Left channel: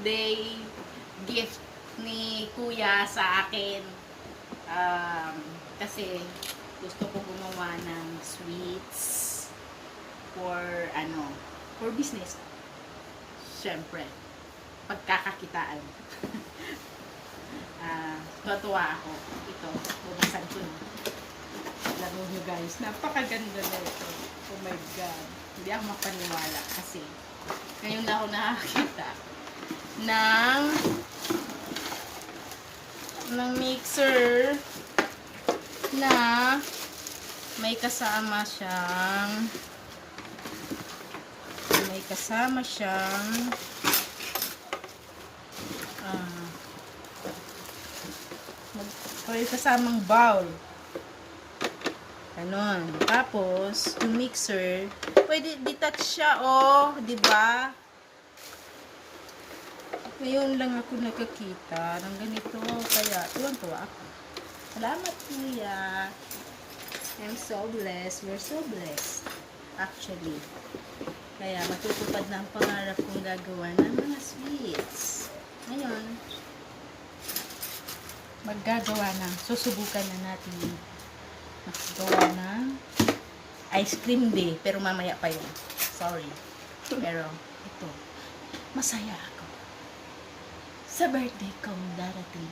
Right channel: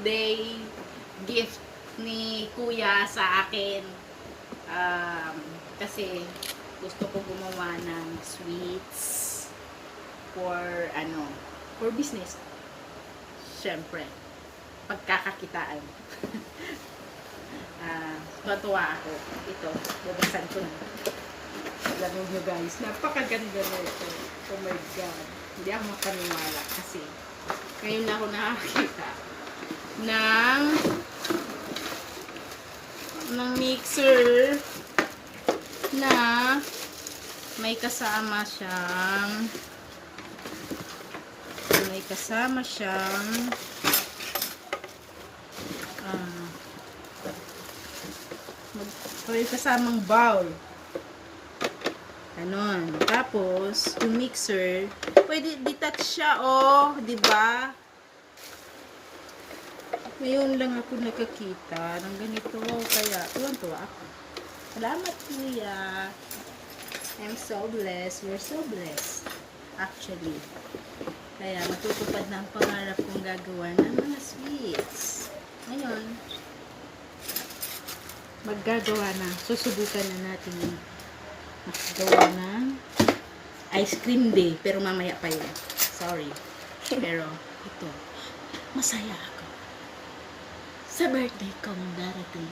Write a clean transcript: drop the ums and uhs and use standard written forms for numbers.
birthday gift ni Kuya sa akin. Kasi gusto ko gumawa ng sweets for business. Siyempre, pagkakakitaan. Natuwa ako. Ito, bubuksan ko na. Alam nyo guys, napakaganda na ito. Oh my God. Hindi ako makaniwala kasi ngayon na ako nakakita ng mixer na may kasama siyang may kasamang bowl. Ganon. Tapos, yung mixer, pwede detach siya, oh. Diba? Ngayon lang ako nakakita ng ganito. Kaya, yun po ako. Salamat, Kuya. I'm so blessed. We're so blessed. Actually. Kaya, matutupad ng pangarap kong gagawa ng mga sweets. Ngayon, maggagawa na. Susubukan na natin gawa ng ice cream day. Pero mamaya pa yun. Sorry. Pero, ito. Masaya ako sa birthday kong darating.